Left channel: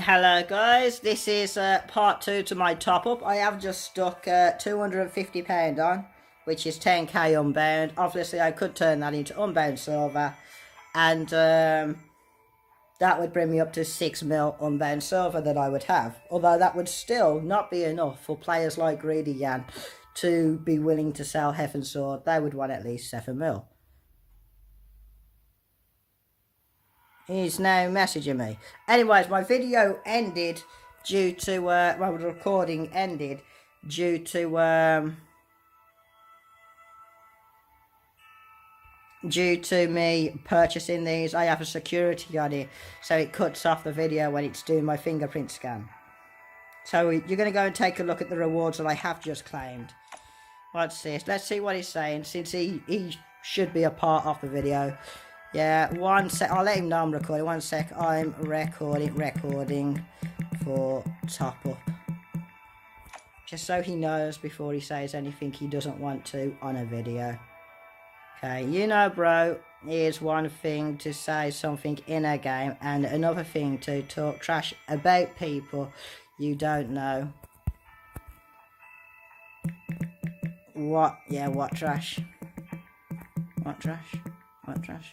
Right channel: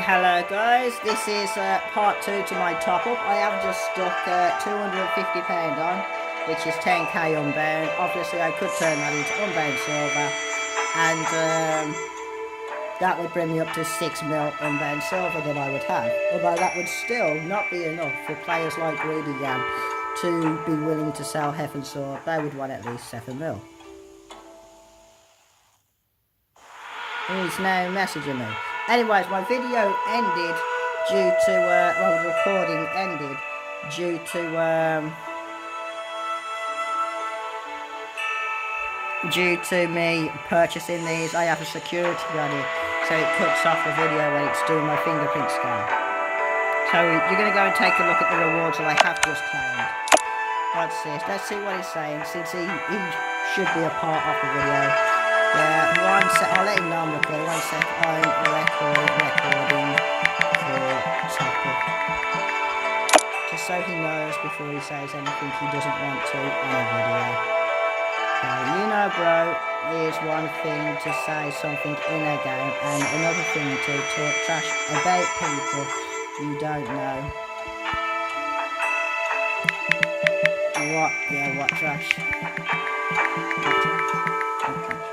Hello guys, this is part 2 to my top up. I have just stuck £250 on, which is 10k unbound. Obviously I could turn that into unbound silver, and that would bring me up to 6 mil unbound silver that I would have. Although that would still not be enough for players like Greedy Yan to be willing to sell Heaven Sword. They would want at least 7 mil. He's now messaging me. Anyways, my video ended due to, the recording ended due to me purchasing these. I have a security on it, so it cuts off the video when it's doing my fingerprint scan. So you're going to go and take a look at the rewards that I have just claimed. What's this? Let's see what he's saying, since he should be a part of the video. Yeah, one sec. I'll let him know I'm recording. 1 sec. I'm recording for top up. Just so he knows before he says anything he doesn't want to on a video. Okay, you know, bro, is one thing to say something in a game and another thing to talk trash about people you don't know. What? Yeah, what trash? What trash? What trash?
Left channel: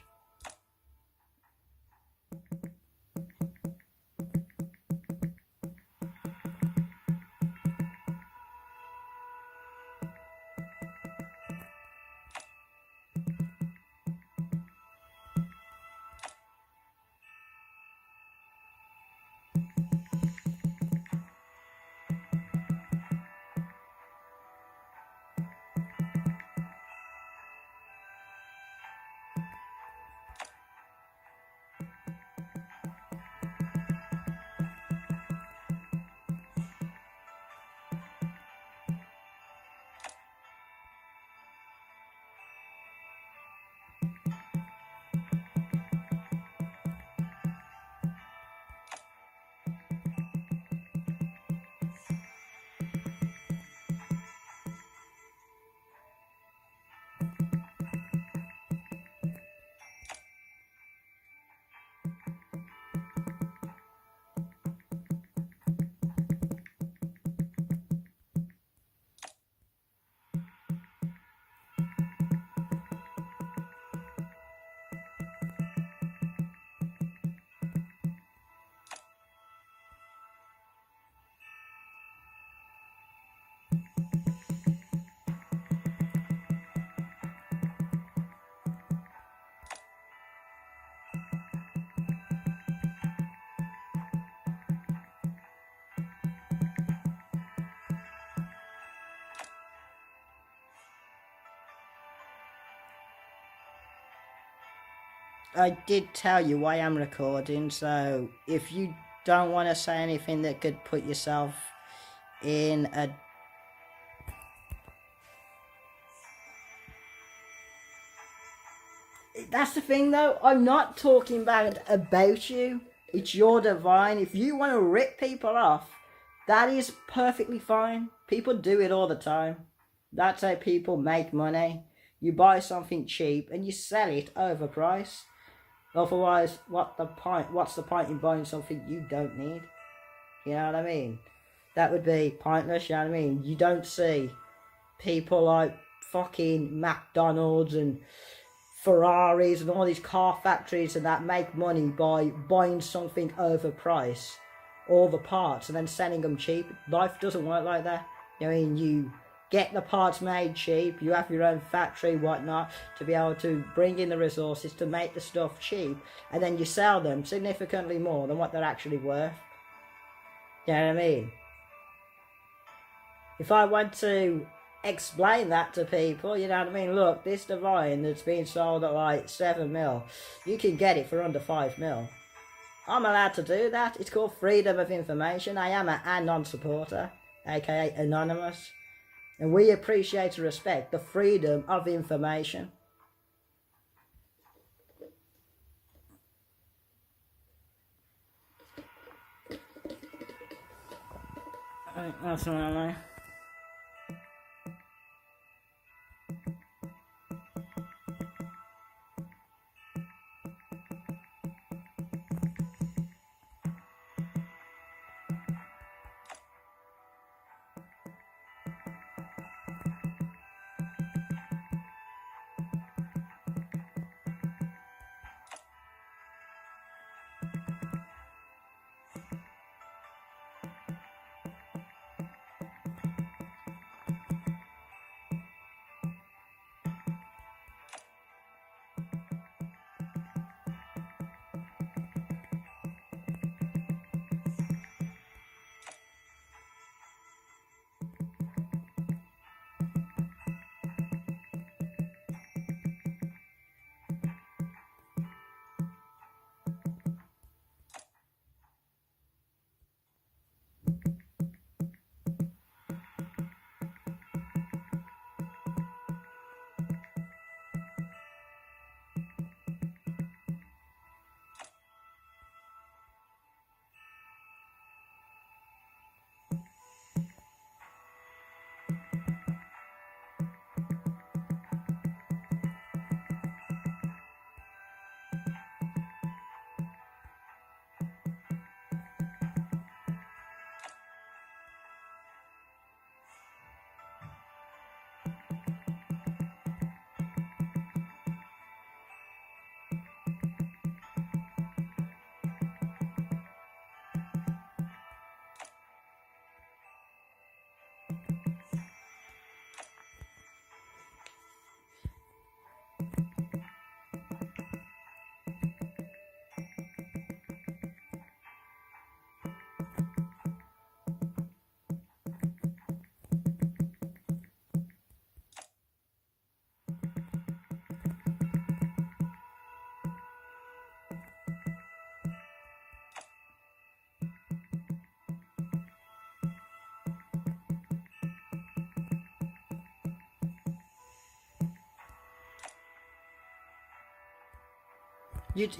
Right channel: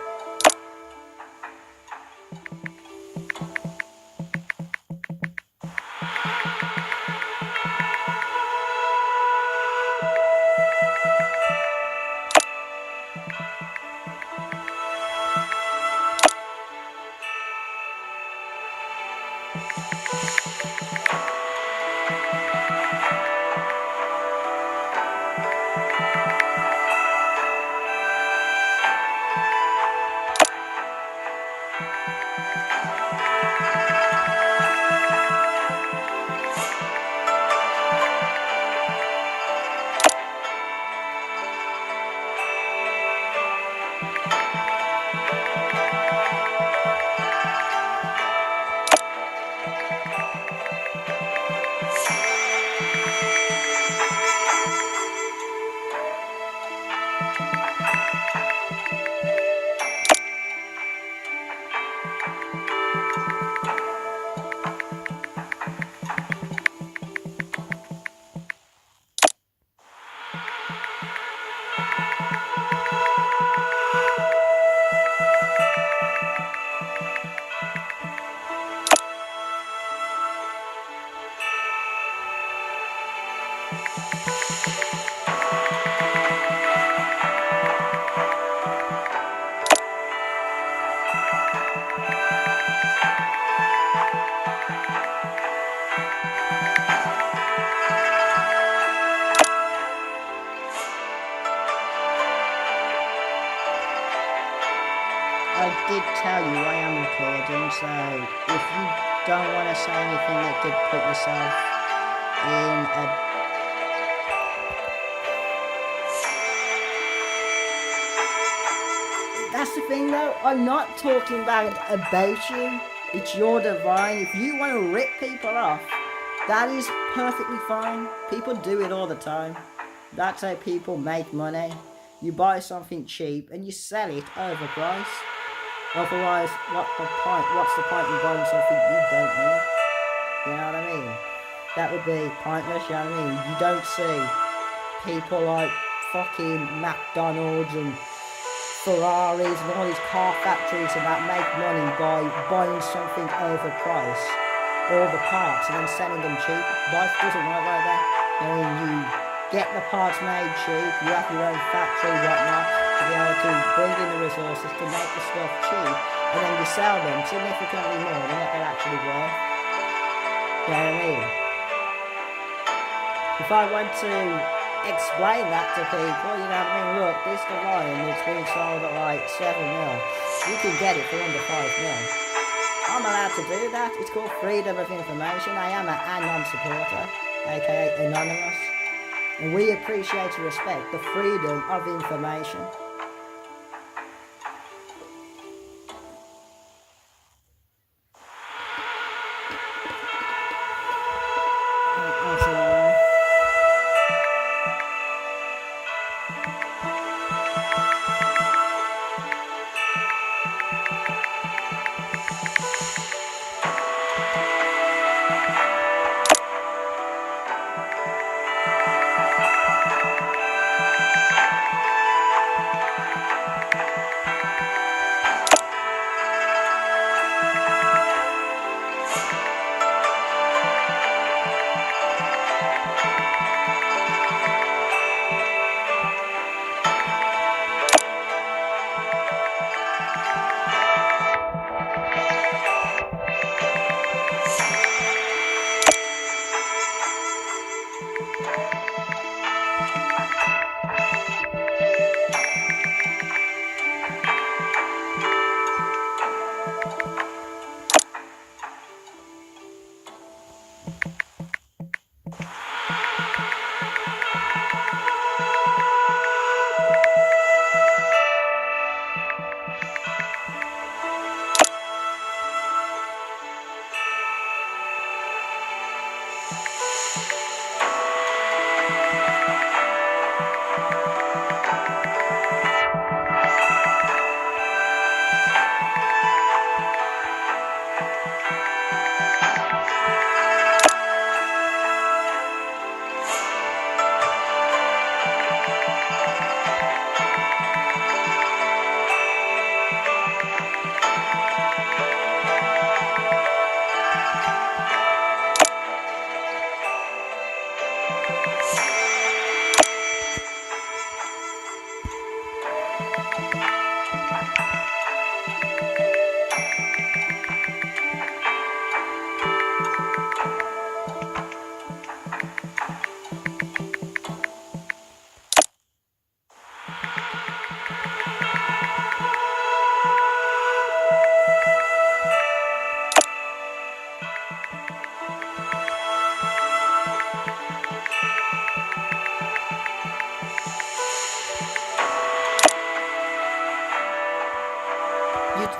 I did tell you I am recording, so if you don't want to say anything that could put yourself in a... That's the thing though, I'm not talking about you. It's your divine. If you want to rip people off, that is perfectly fine. People do it all the time. That's how people make money. You buy something cheap and you sell it overpriced. Otherwise, what's the point in buying something you don't need? You know what I mean? That would be pointless, you know what I mean? You don't see people like fucking McDonald's and Ferraris and all these car factories and that make money by buying something overpriced, all the parts, and then selling them cheap. Life doesn't work like that. I mean, you get the parts made cheap, you have your own factory, whatnot, to be able to bring in the resources to make the stuff cheap, and then you sell them significantly more than what they're actually worth. You know what I mean? If I want to explain that to people, you know what I mean, look, this divine that's being sold at like 7 mil, you can get it for under 5 mil. I'm allowed to do that. It's called freedom of information. I am an anon supporter, aka anonymous, and we appreciate and respect the freedom of information.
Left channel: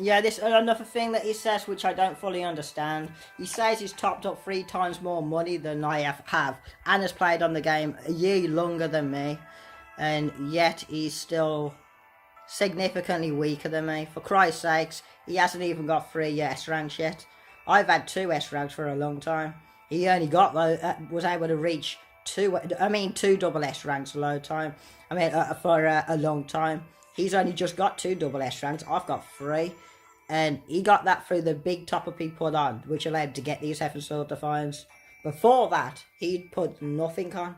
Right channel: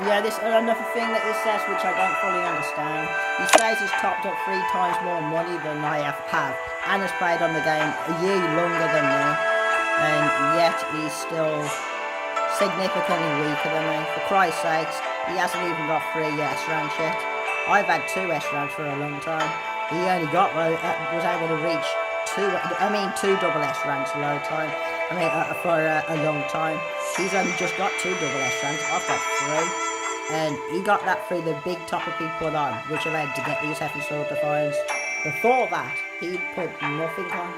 Yeah, this another thing that he says, which I don't fully understand. He says he's topped up 3 times more money than I have, and has played on the game a year longer than me, and yet he's still significantly weaker than me. For Christ's sakes, he hasn't even got 3 S ranks yet. I've had 2 S ranks for a long time. He only was able to reach 2 double S ranks a long time. For a long time. He's only just got 2 double S ranks. I've got 3. And he got that through the big topper he put on, which allowed to get these heaven sword defiance. Before that, he'd put nothing on,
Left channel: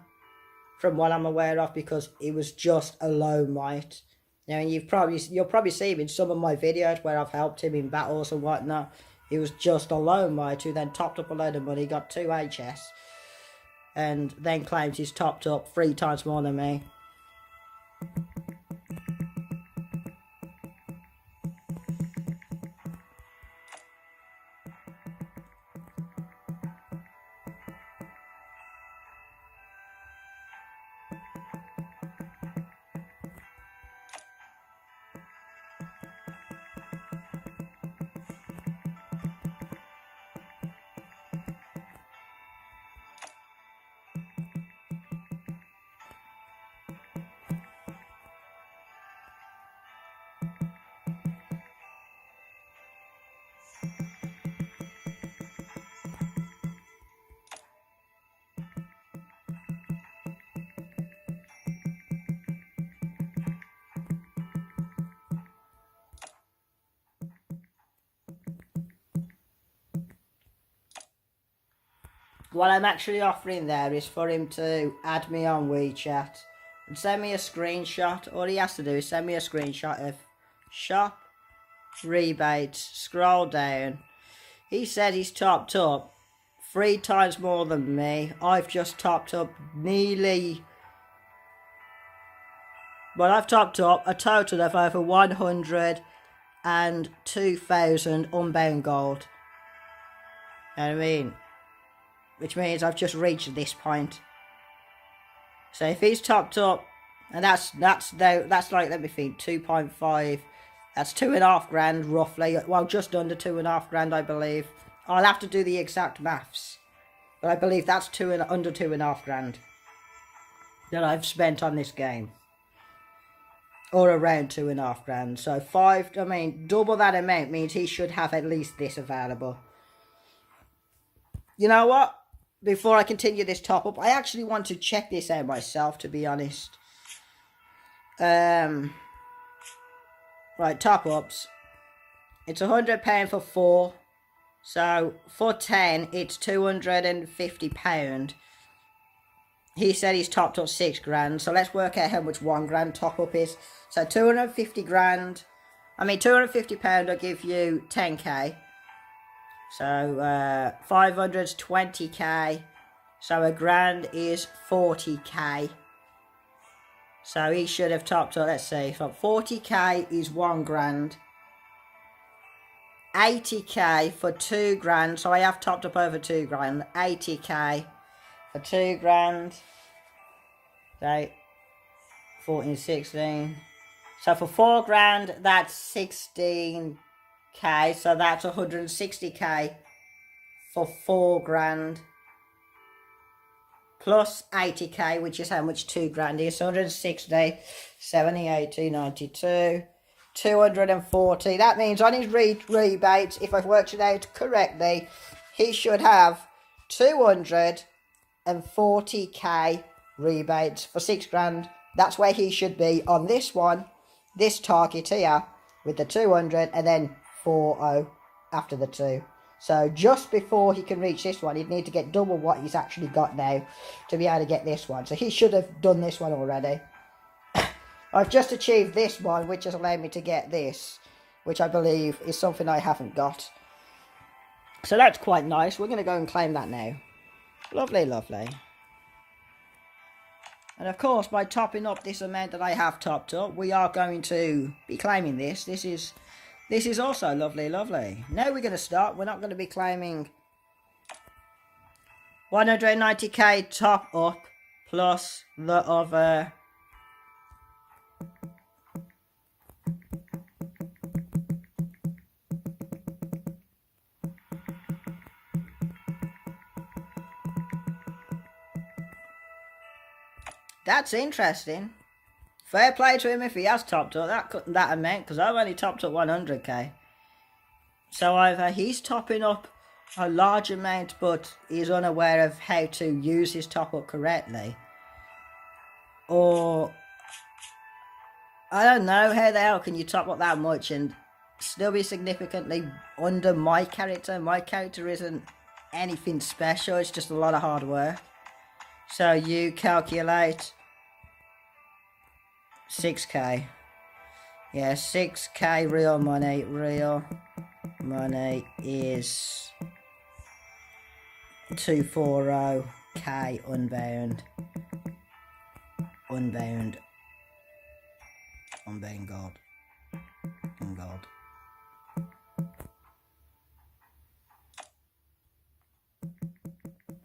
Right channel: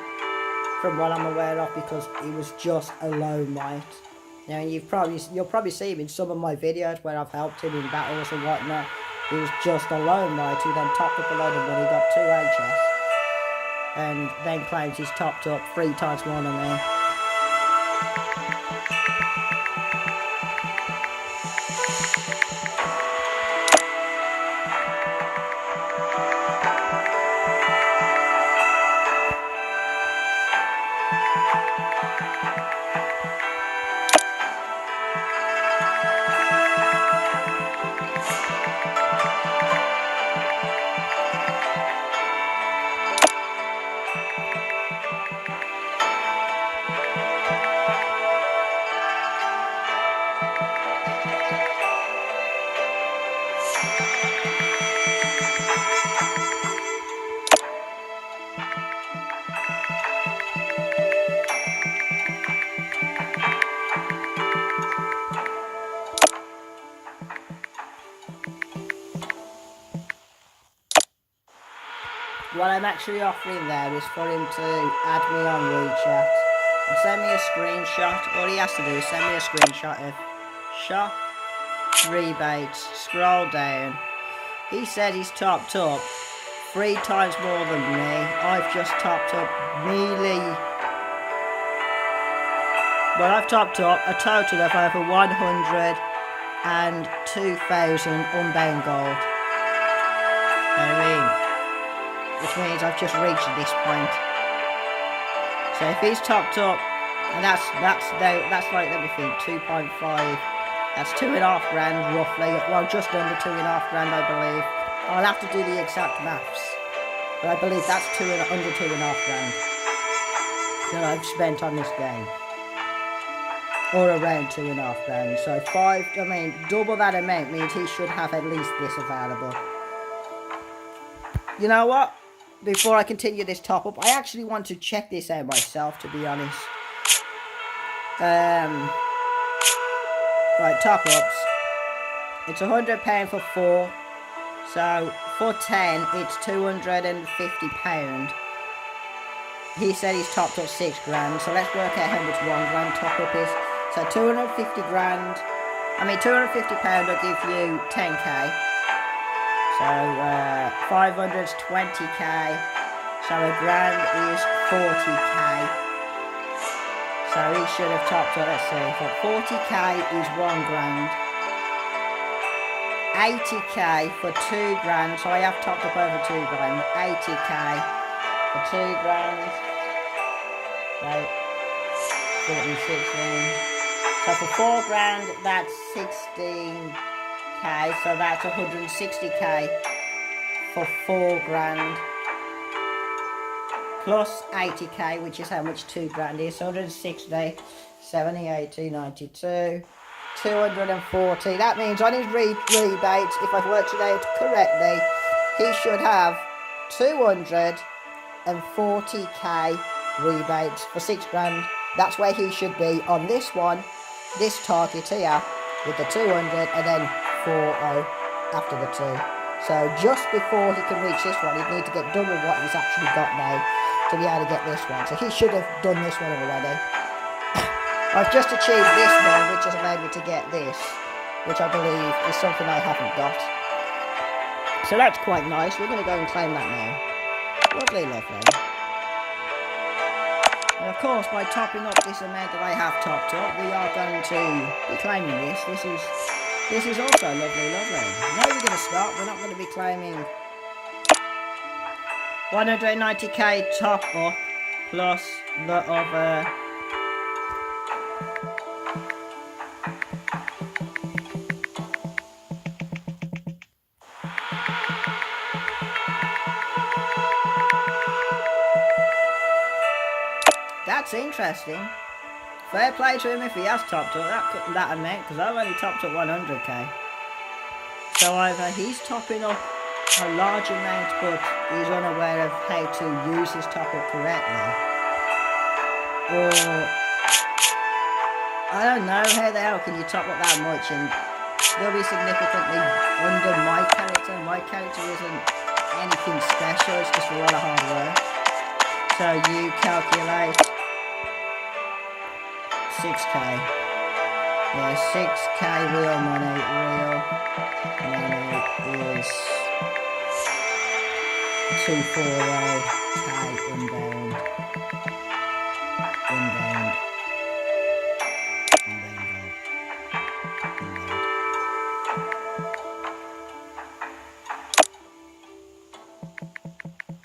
from what I'm aware of, because he was just a low might. Now, you'll probably see him in some of my videos where I've helped him in battles and whatnot. He was just a low might who then topped up a load of money, got 2 HS, and then claims he's topped up 3 times more than me. What I'm actually offering there is for him to add me on WeChat and send me a screenshot. All he has to do is send me a screenshot of shop rebates, scroll down. He said he's topped up 3 times more than me. I've just topped up nearly... Well, I've topped up a total of over 102,000 unbound gold. You know what I mean? Which means I've just reached this point. So if he's topped up, and that's like, let me think, 2.5. That's 2.5 grand roughly. Well, just under 2.5 grand, I believe. I'll have to do the exact maths, but I believe that's under 2.5 grand that I've spent on this game, or around 2.5 grand. So double that amount means he should have at least this available. You know what? Before I continue this top up, I actually want to check this out myself, to be honest. Right, top ups. It's £100 for 4. So for 10, it's £250. He said he's topped up 6 grand. So let's work out how much 1 grand top up is. So 250 grand. I mean, £250 will give you 10k. So 500 is 20k. So a grand is 40k. So he should have topped up, let's see, so 40k is 1 grand. 80k for 2 grand, so I have topped up over 2 grand. 80k for 2 grand. Right, 14, 16. So for 4 grand, that's 16k, so that's 160k for 4 grand. Plus 80k, which is how much 2 grand is. 160, 70, 80, 92, 240. That means on his rebates, if I've worked it out correctly, he should have 240k rebates for 6 grand. That's where he should be on this one, this target here, with the 200 and then 40 after the 2. So just before he can reach this one, he'd need to get double what he's actually got now to be able to get this one. So he should have done this one already. I've just achieved this one, which has allowed me to get this, which I believe is something I haven't got. So that's quite nice. We're going to go and claim that now. Lovely, lovely. And of course, by topping up this amount that I have topped up, we are going to be claiming this. This is also lovely, lovely. Now we're going to start. We're not going to be claiming 190k top up plus the other. That's interesting. Fair play to him if he has topped up that amount, because I've only topped up 100k. So either he's topping up a large amount, but he's unaware of how to use his top up correctly, or I don't know, how the hell can you top up that much and still be significantly under my character? My character isn't anything special, it's just a lot of hard work. So you calculate 6k. Yeah, 6k real money. Real money is 240k unbound. Unbound gold. Unbound.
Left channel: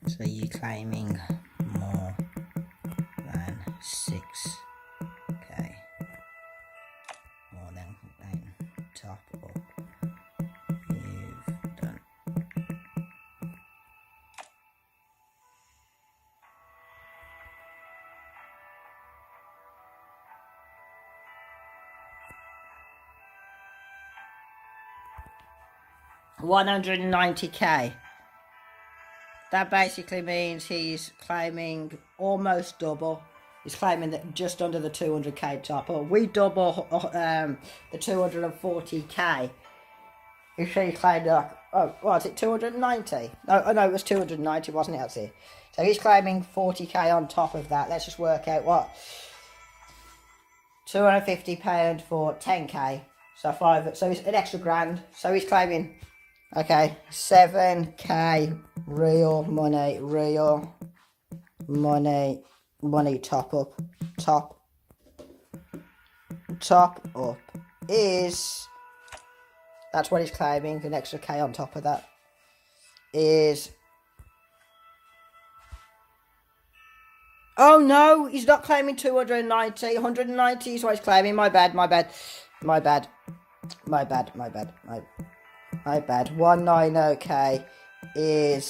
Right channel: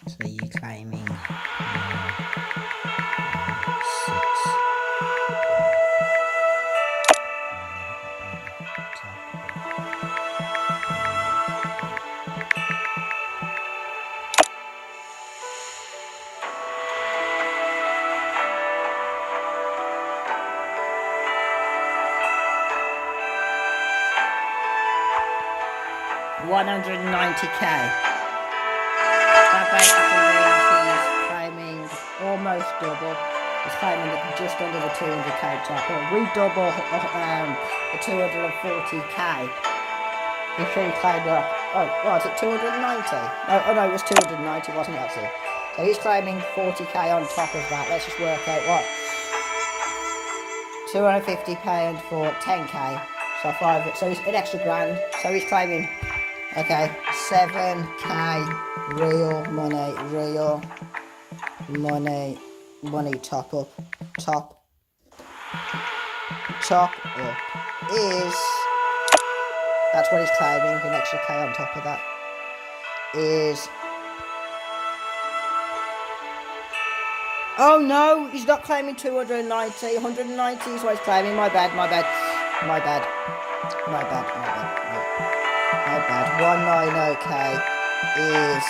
So you're claiming more than 6. $190k. That basically means he's claiming almost double. He's claiming that just under the 200k top. Or we double the 240k. He should claim up. Oh, was it 290? Oh no, it was 290, wasn't it? Actually. So he's claiming 40k on top of that. Let's just work out what. £250 for 10k. So 5. So he's an extra grand. So he's claiming. Okay, 7k real money top up is, that's what he's claiming, an extra k on top of that is, oh no, he's not claiming 290, 190 is what he's claiming, my bad, 190k is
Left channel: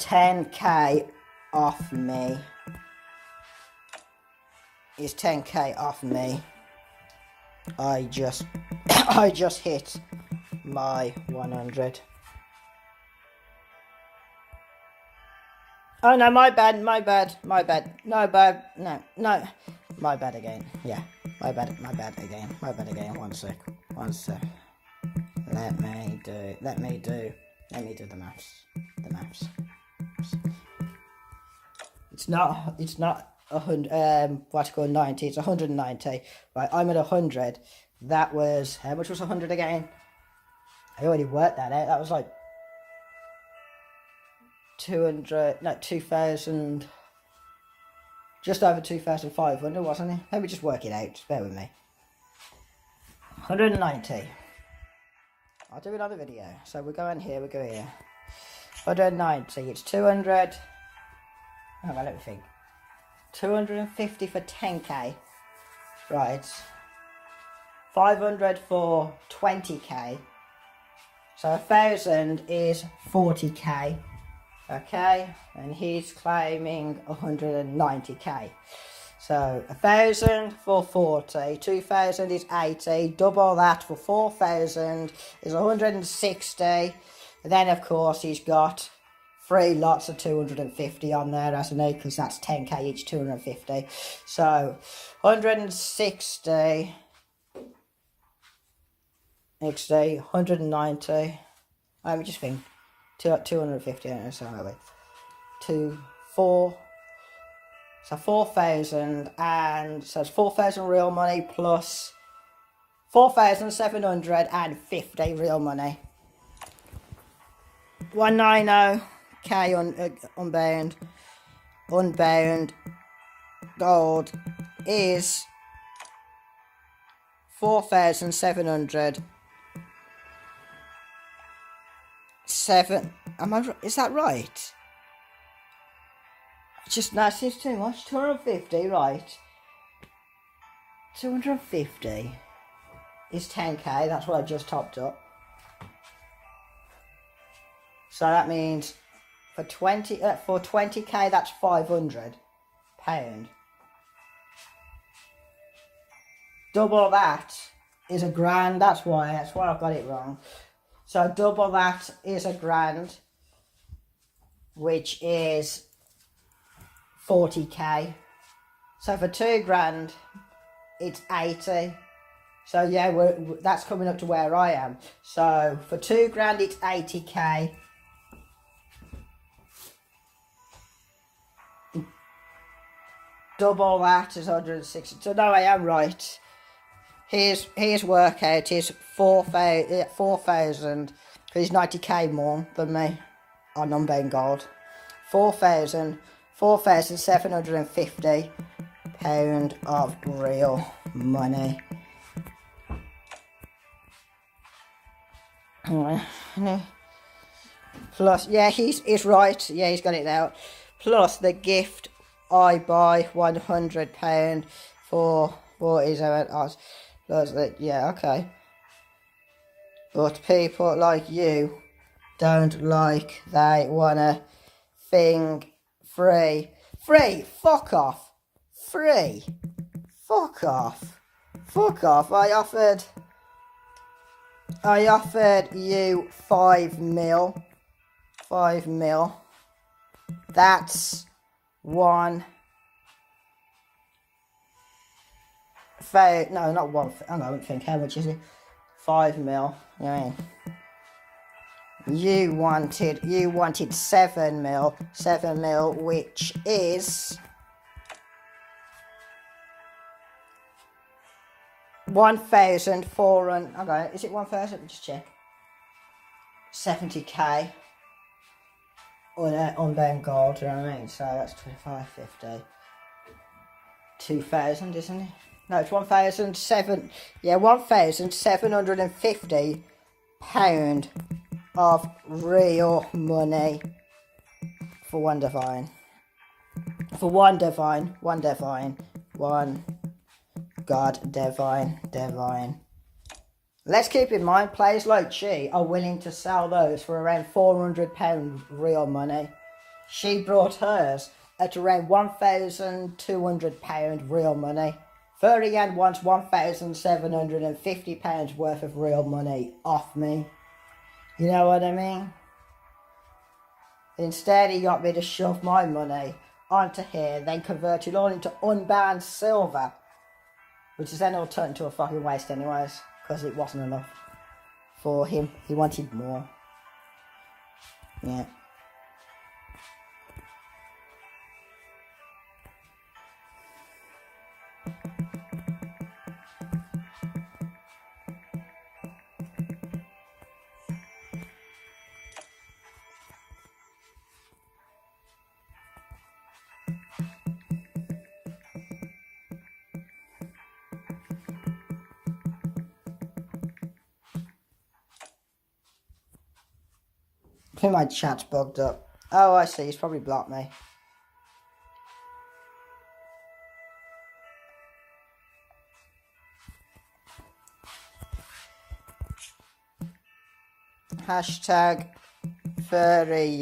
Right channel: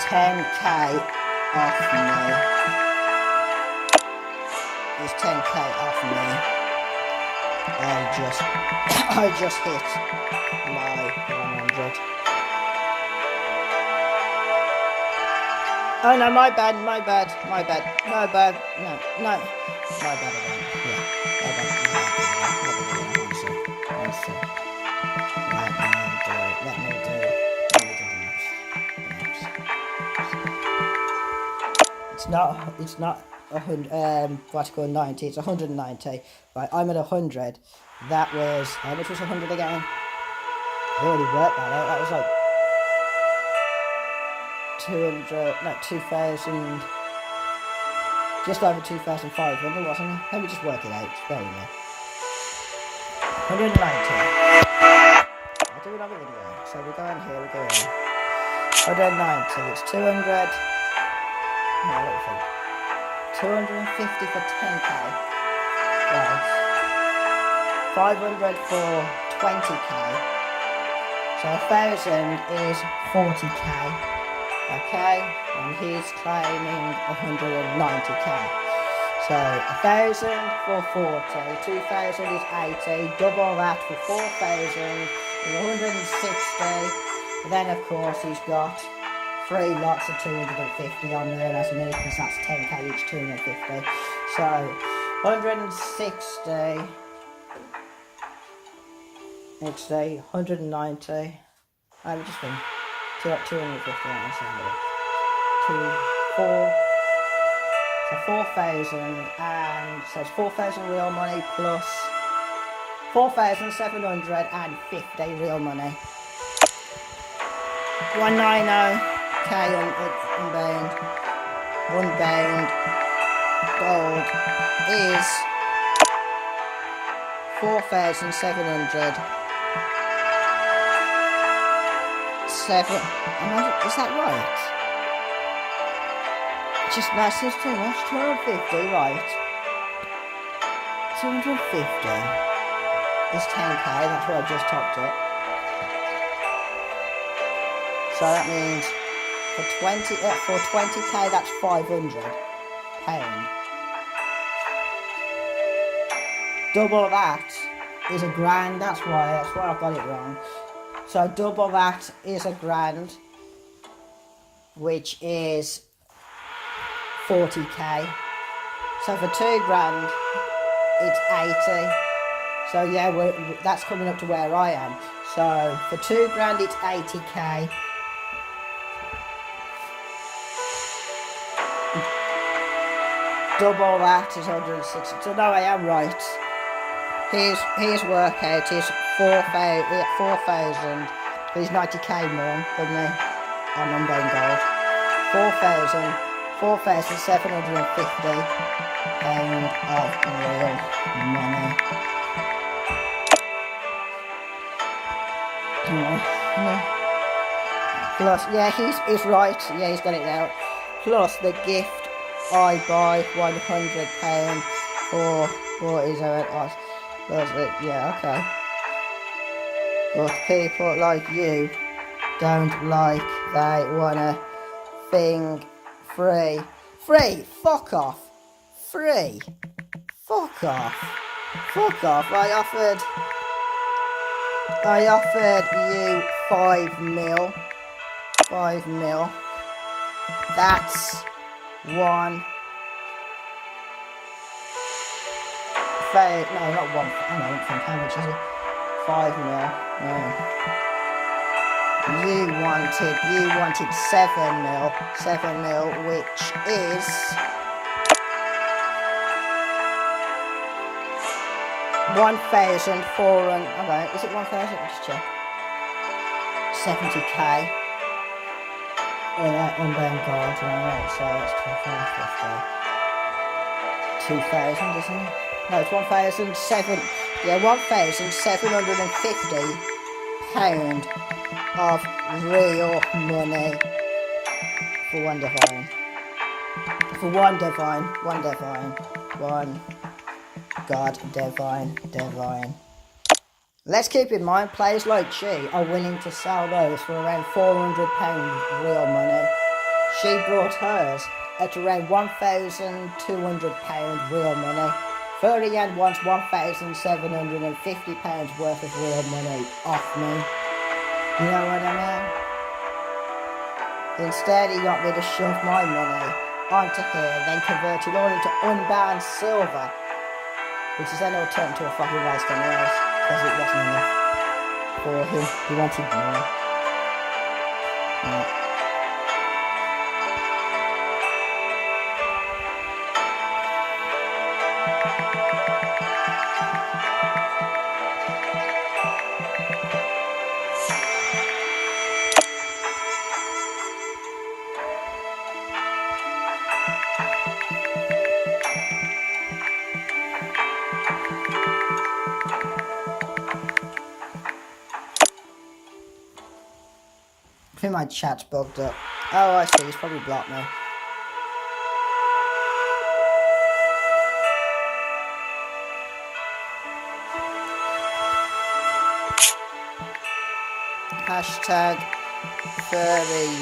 10k off me. Is 10k off me. I just hit my 100. Oh no, my bad. No. My bad again. Yeah. My bad again. One sec. Let me do the maths. It's not 100, what's called 90, it's 190. Right, I'm at 100. That was, how much was 100 again? I already worked that out. That was like 2,000, just over 2,500, wasn't it? Let me just work it out, just bear with me. 190. I'll do another video. So we go in here, 190, it's 200. Oh, let me think. 250 for 10k. Right. 500 for 20k. So 1,000 is 40k. Okay, and he's claiming 190k. So 1,000 for 40, 2,000 is 80, double that for 4,000 is 160. But then of course he's got 3 lots of 250 on there, as an because that's 10k each, 250. So 160. It's a 190. I'm just think 250. I'm saying 4. So 4,000, and so it's 4,000 real money plus 4,750 real money. 190k unbound. Unbound gold is 4,700. Is that right? Just that seems too much. 250, right? 250 is 10k. That's what I just topped it. So that means for 20k, that's 500 pound. Double that is a grand. That's why I've got it wrong. So double that is a grand, which is 40k. So for 2 grand, it's 80. So yeah, that's coming up to where I am. So for 2 grand, it's 80k. Double that is 160. So no, I am right. His workout is 4,000. He's 90k more than me on unbound gold. 4,750 pound of real money. Plus, yeah, he's right. Yeah, he's got it now. Plus the gift, I buy £100 for what is it? Yeah, okay. But people like you don't like, they wanna thing free. Free, fuck off. Free, fuck off. Fuck off. I offered you 5 mil. 5 mil. That's one. No, not one. I don't think. How much is it? 5 mil. No. You wanted 7 mil. 7 mil, which is 1,400. Okay, is it 1,000? Just check. 70k. In that unbound gold, right? So that's 2,550. 2,000, isn't it? No, it's 1,750 pound of real money for one divine. For one divine. One God divine. Let's keep in mind, players like she are willing to sell those for around £400 real money. She brought hers at around £1,200 real money. 30 and wants £1,750 worth of real money off me. You know what I mean? Instead, he got me to shove my money onto here, then convert it all into unbound silver, which is then all turned into a fucking waste anyways, because it wasn't enough for him. He wanted more. Yeah. I think my chat's bugged up. Oh, I see. It's probably blocked now. Hashtag furry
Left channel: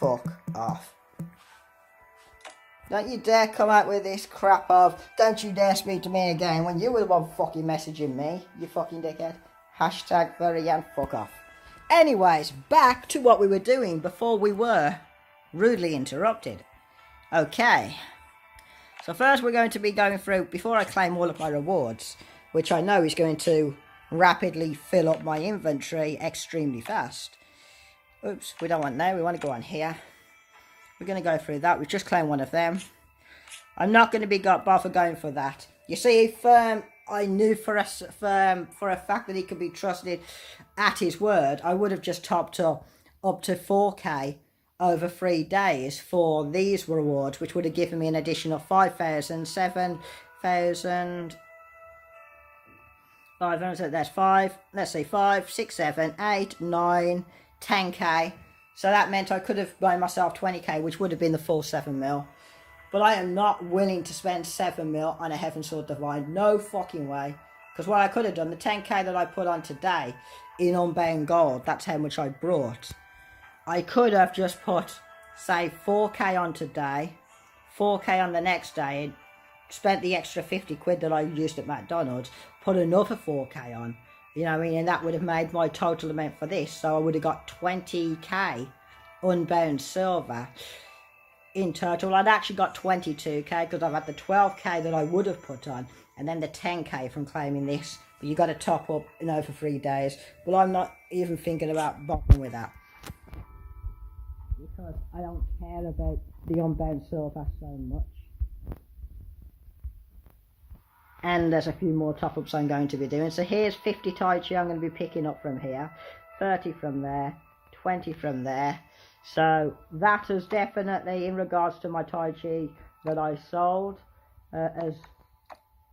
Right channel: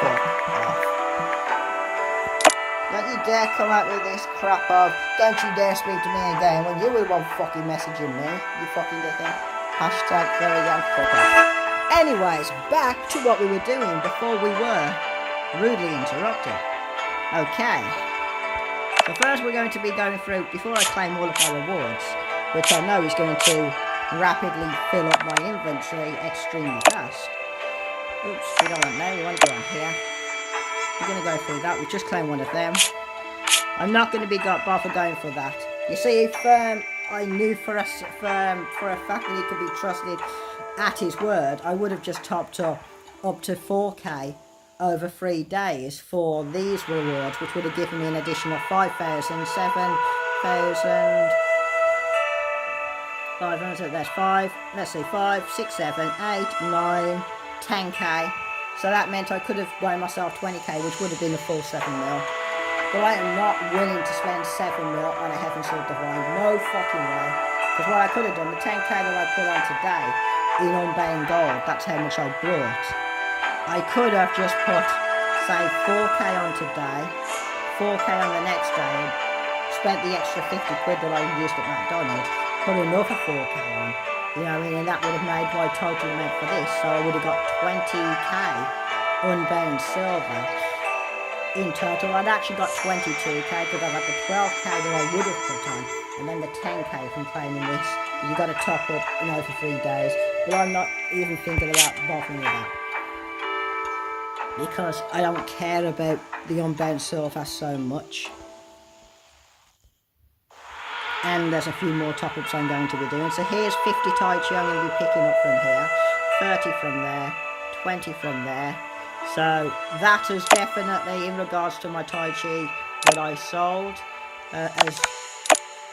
fuck off. Don't you dare come out with this crap of, don't you dare speak to me again when you were the one fucking messaging me, you fucking dickhead. Hashtag furry fuck off. Anyways, back to what we were doing before we were rudely interrupted. Okay. So first we're going to be going through, before I claim all of my rewards, which I know is going to rapidly fill up my inventory extremely fast. Oops, we don't want now, we want to go on here. We're going to go through that, we just claimed one of them. I'm not going to be bothered going for that. You see, if I knew for a fact that he could be trusted at his word, I would have just topped up to 4k over 3 days for these rewards, which would have given me an additional 5,000, 7,000... 500, that's 5, let's see, 5, 6, 7, 8, 9, 10k. So that meant I could have blown myself 20k, which would have been the full 7 mil. But I am not willing to spend 7 mil on a Heaven Sword Divine. No fucking way. Because what I could have done, the 10k that I put on today in unbound gold, that's how much I brought. I could have just put, say, 4k on today, 4k on the next day, spent the extra 50 quid that I used at McDonald's, put another 4k on, you know what I mean, and that would have made my total amount for this, so I would have got 20k unbound silver in total. I'd actually got 22k because I've had the 12k that I would have put on, and then the 10k from claiming this. You got to top up, you know, for 3 days, but I'm not even thinking about bothering with that, because I don't care about the unbound silver so much. And there's a few more top-ups I'm going to be doing. So here's 50 Tai Chi I'm going to be picking up from here, 30 from there, 20 from there. So that has definitely, in regards to my Tai Chi that I sold, has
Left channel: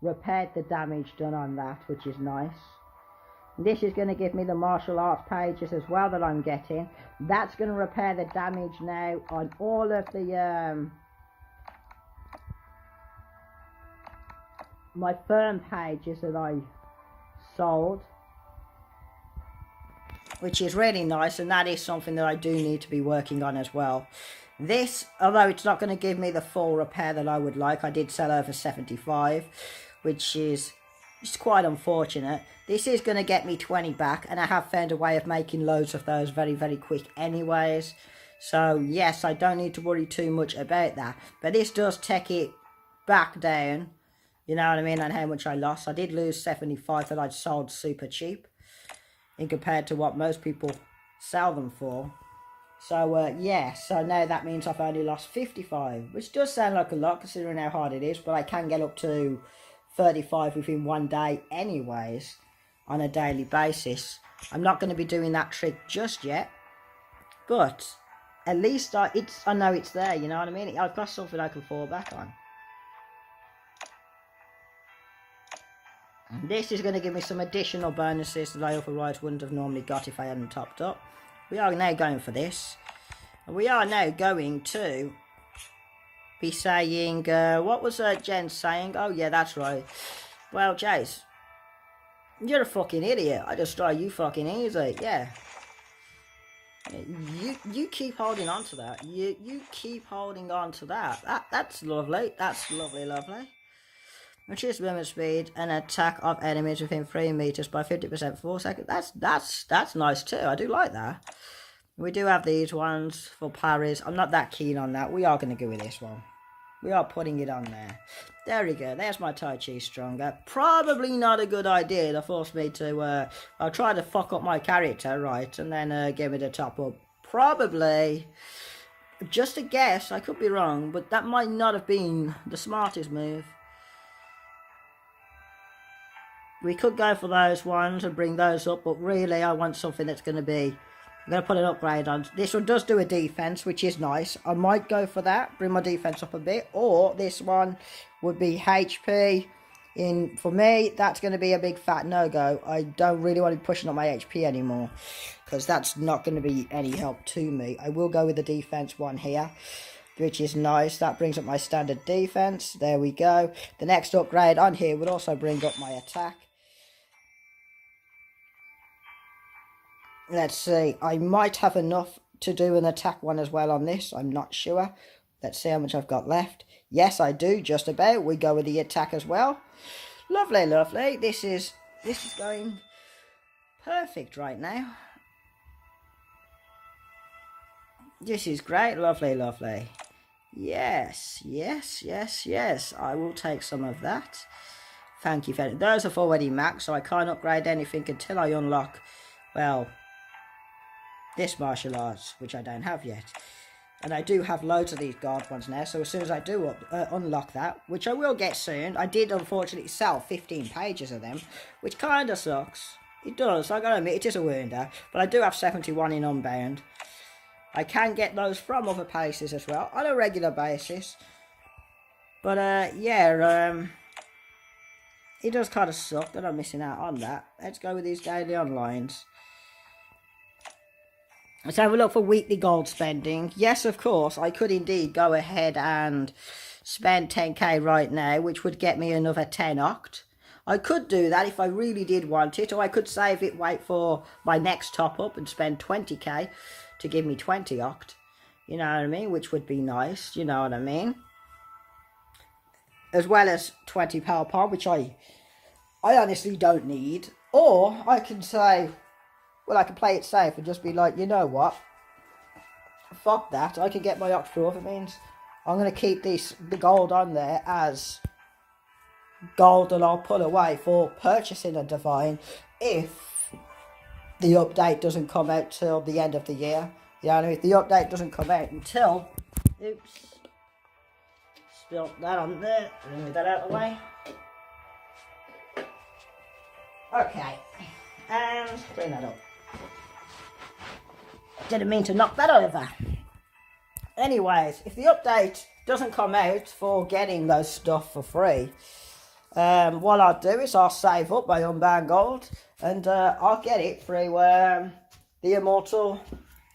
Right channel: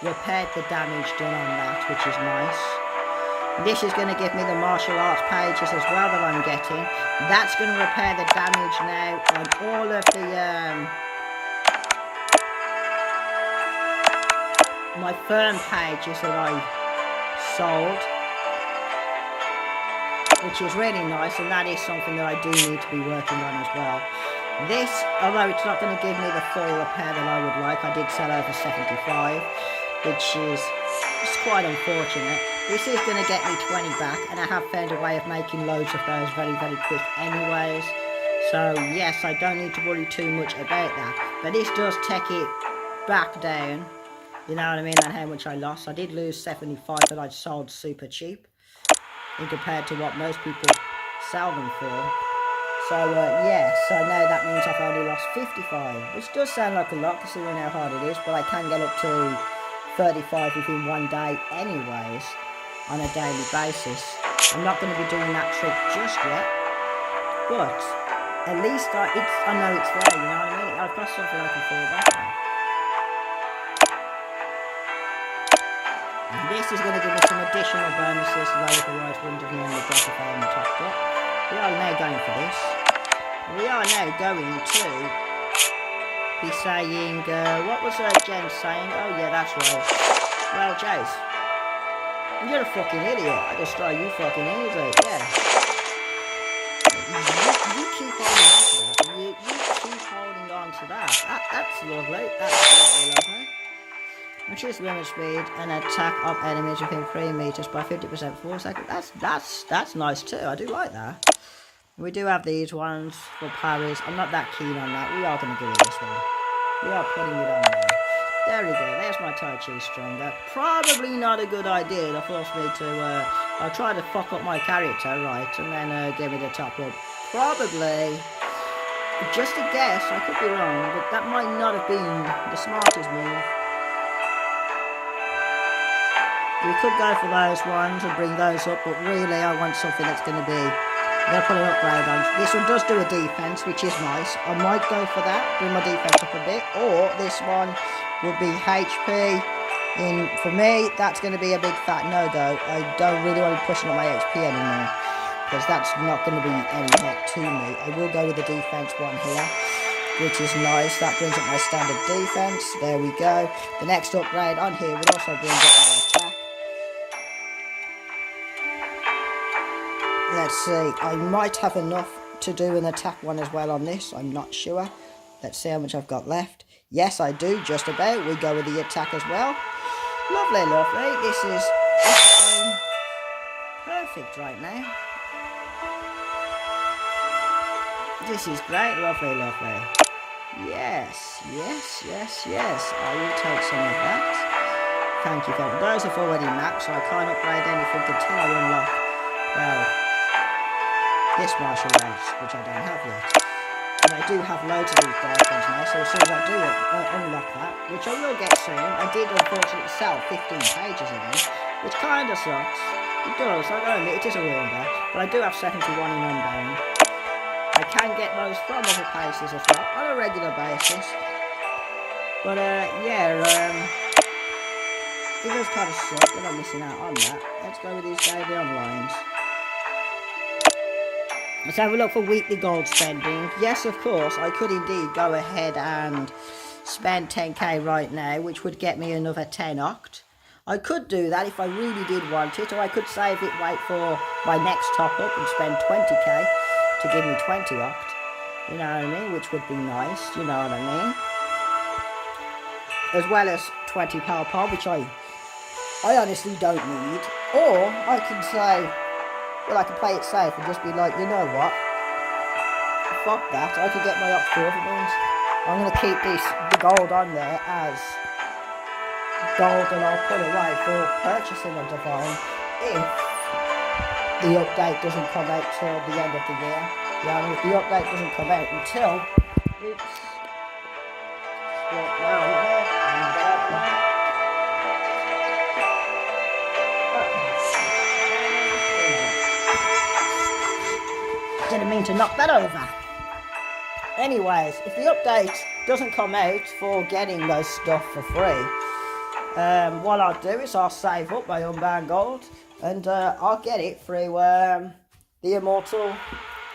repaired the damage done on that, which is nice. This is going to give me the martial arts pages as well that I'm getting. That's going to repair the damage now on all of the my firm pages that I sold, which is really nice, and that is something that I do need to be working on as well. This, although it's not going to give me the full repair that I would like, I did sell over 75, which is quite unfortunate. This is going to get me 20 back, and I have found a way of making loads of those very, very quick anyways. So yes, I don't need to worry too much about that. But this does take it back down, you know what I mean, on how much I lost. I did lose 75 that I'd sold super cheap in compared to what most people sell them for. So yeah, so now that means I've only lost 55, which does sound like a lot considering how hard it is, but I can get up to 35 within 1 day anyways, on a daily basis. I'm not going to be doing that trick just yet, but at least I know it's there, you know what I mean? I've got something I can fall back on. And this is going to give me some additional bonuses that I otherwise wouldn't have normally got if I hadn't topped up. We are now going for this. We are now going to be saying, what was Jen saying? Oh yeah, that's right. Well, Jace, you're a fucking idiot. I destroy you fucking easy. Yeah. You keep holding on to that. You keep holding on to that. That's lovely. That's lovely. Reduce movement speed and attack of enemies within 3 meters by 50% for 4 seconds. That's nice too. I do like that. We do have these ones for Paris. I'm not that keen on that. We are going to go with this one. We are putting it on there. There we go. There's my Tai Chi Stronger. Probably not a good idea to force me to... I'll try to fuck up my character, right, and then give me the top up. Probably... Just a guess, I could be wrong, but that might not have been the smartest move. We could go for those ones and bring those up, but really I want something that's going to be... I'm going to put an upgrade on. This one does do a defense, which is nice. I might go for that, bring my defense up a bit, or this one would be HP. For me, that's going to be a big fat no, though. I don't really want to be pushing up my HP anymore, because that's not going to be any help to me. I will go with the defense one here, which is nice. That brings up my standard defense. There we go. The next upgrade on here would also bring up my attack. Let's see, I might have enough to do an attack one as well on this. I'm not sure. Let's see how much I've got left. Yes, I do, just about. We go with the attack as well. Lovely, lovely. This is going perfect right now. This is great. Lovely, lovely. Yes, yes, yes, yes. I will take some of that. Thank you very much. Those have already maxed, so I can't upgrade anything until I unlock, well, this martial arts, which I don't have yet. And I do have loads of these dark ones now, so as soon as I do unlock that, which I will get soon, I did unfortunately sell 15 pages again, which kind of sucks. It does, I gotta admit, it is a wound, but I do have 71 in unbound. I can get those from other places as well, on a regular basis. But yeah, it does kind of suck that I'm missing out on that. Let's go with these daily onlines. Let's have a look for weekly gold spending. Yes, of course, I could indeed go ahead and spend 10k right now, which would get me another 10 oct. I could do that if I really did want it, or I could save it, wait for my next top up and spend 20k to give me 20 oct. You know what I mean? Which would be nice, you know what I mean? As well as 20 power pod, which I honestly don't need. Or I can say, well, I can play it safe and just be like, you know what? Fuck that. I can get my oct for other means. I'm going to keep the gold on there as gold, and I'll put away for purchasing a divine if the update doesn't come out till the end of the year. Yeah, I mean, if the update doesn't come out until it's still down there, and get out of there. Okay. Didn't mean to knock that over. Anyways, if the update doesn't come out for getting those stuff for free, what I'll do is I'll save up my unbound gold, and I'll get it through the immortal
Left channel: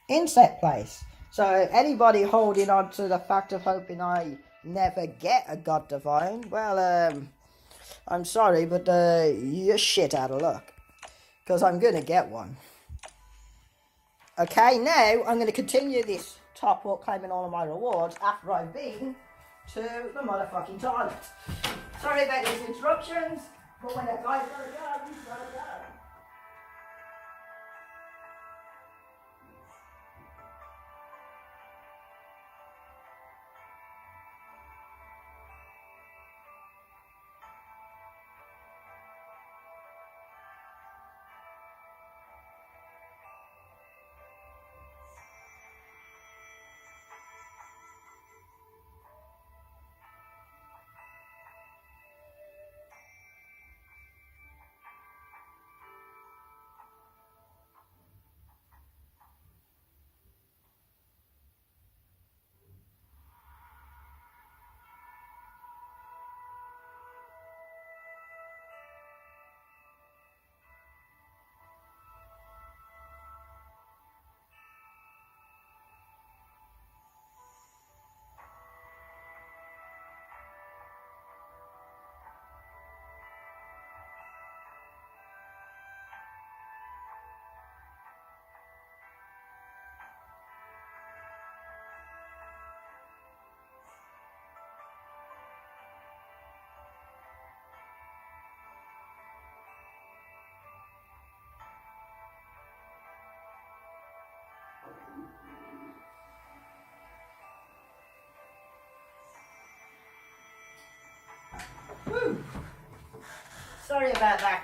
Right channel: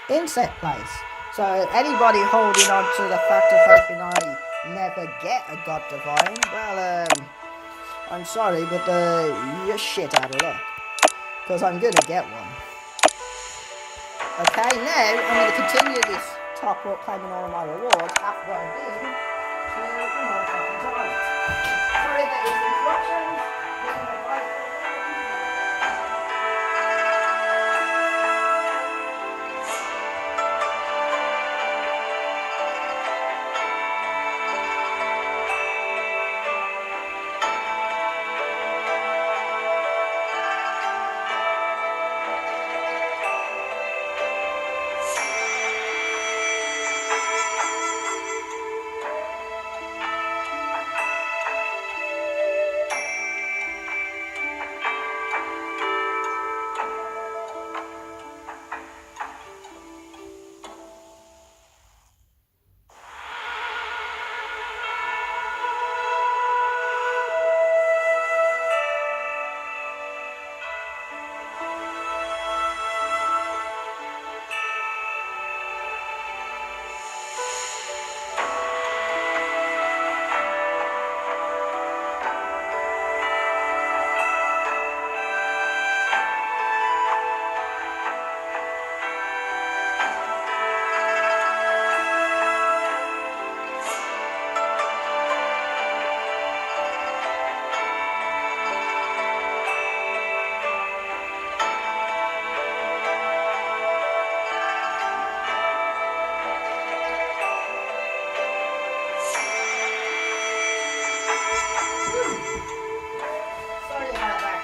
insect place. So anybody holding on to the fact of hoping I never get a god divine, well, I'm sorry, but you're shit out of luck, because I'm gonna get one. Okay, now I'm going to continue this top up, claiming all of my rewards after I've been to the motherfucking toilet. Sorry about these interruptions.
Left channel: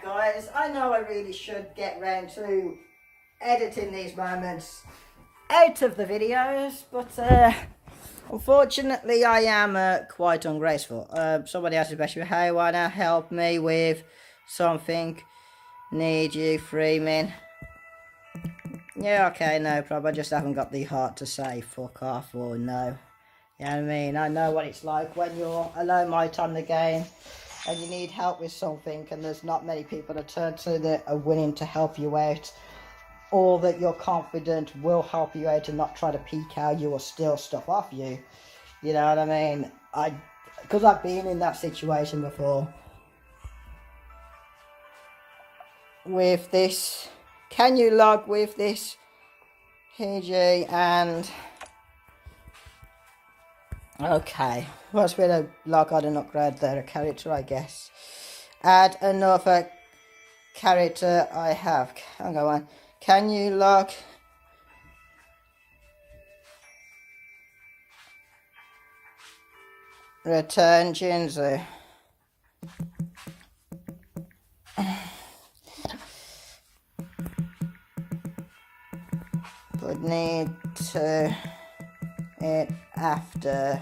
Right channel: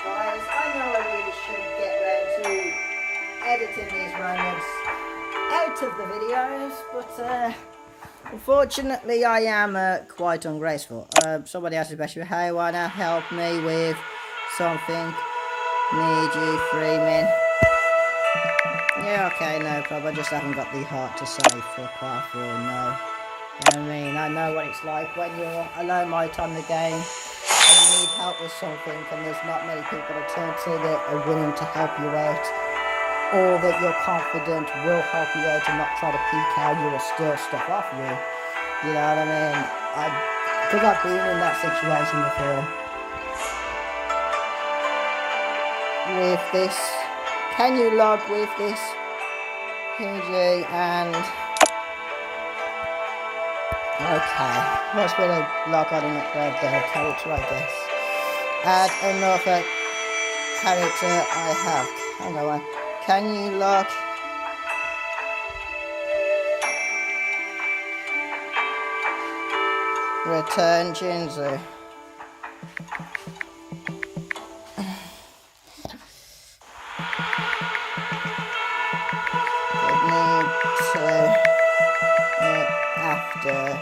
guys. I know I really should get round to editing these moments out of the videos, but unfortunately I am quite ungraceful. Somebody asked especially, hey, wanna help me with something? Need you, 3 min. Yeah, okay, no problem. I just haven't got the heart to say fuck off or no. You know what I mean? I know what it's like when you're a low mite on the game and you need help with something and there's not many people to turn to that are willing to help you out, or that you're confident will help you out and not try to peek out you or steal stuff off you. You know what I mean? Because I've been in that situation before. With this, can you log with this PG and okay, what's been a log on and upgrade the character, I guess. Add another character I have. Hang on, can you log? Return Jinzu. Would need to it after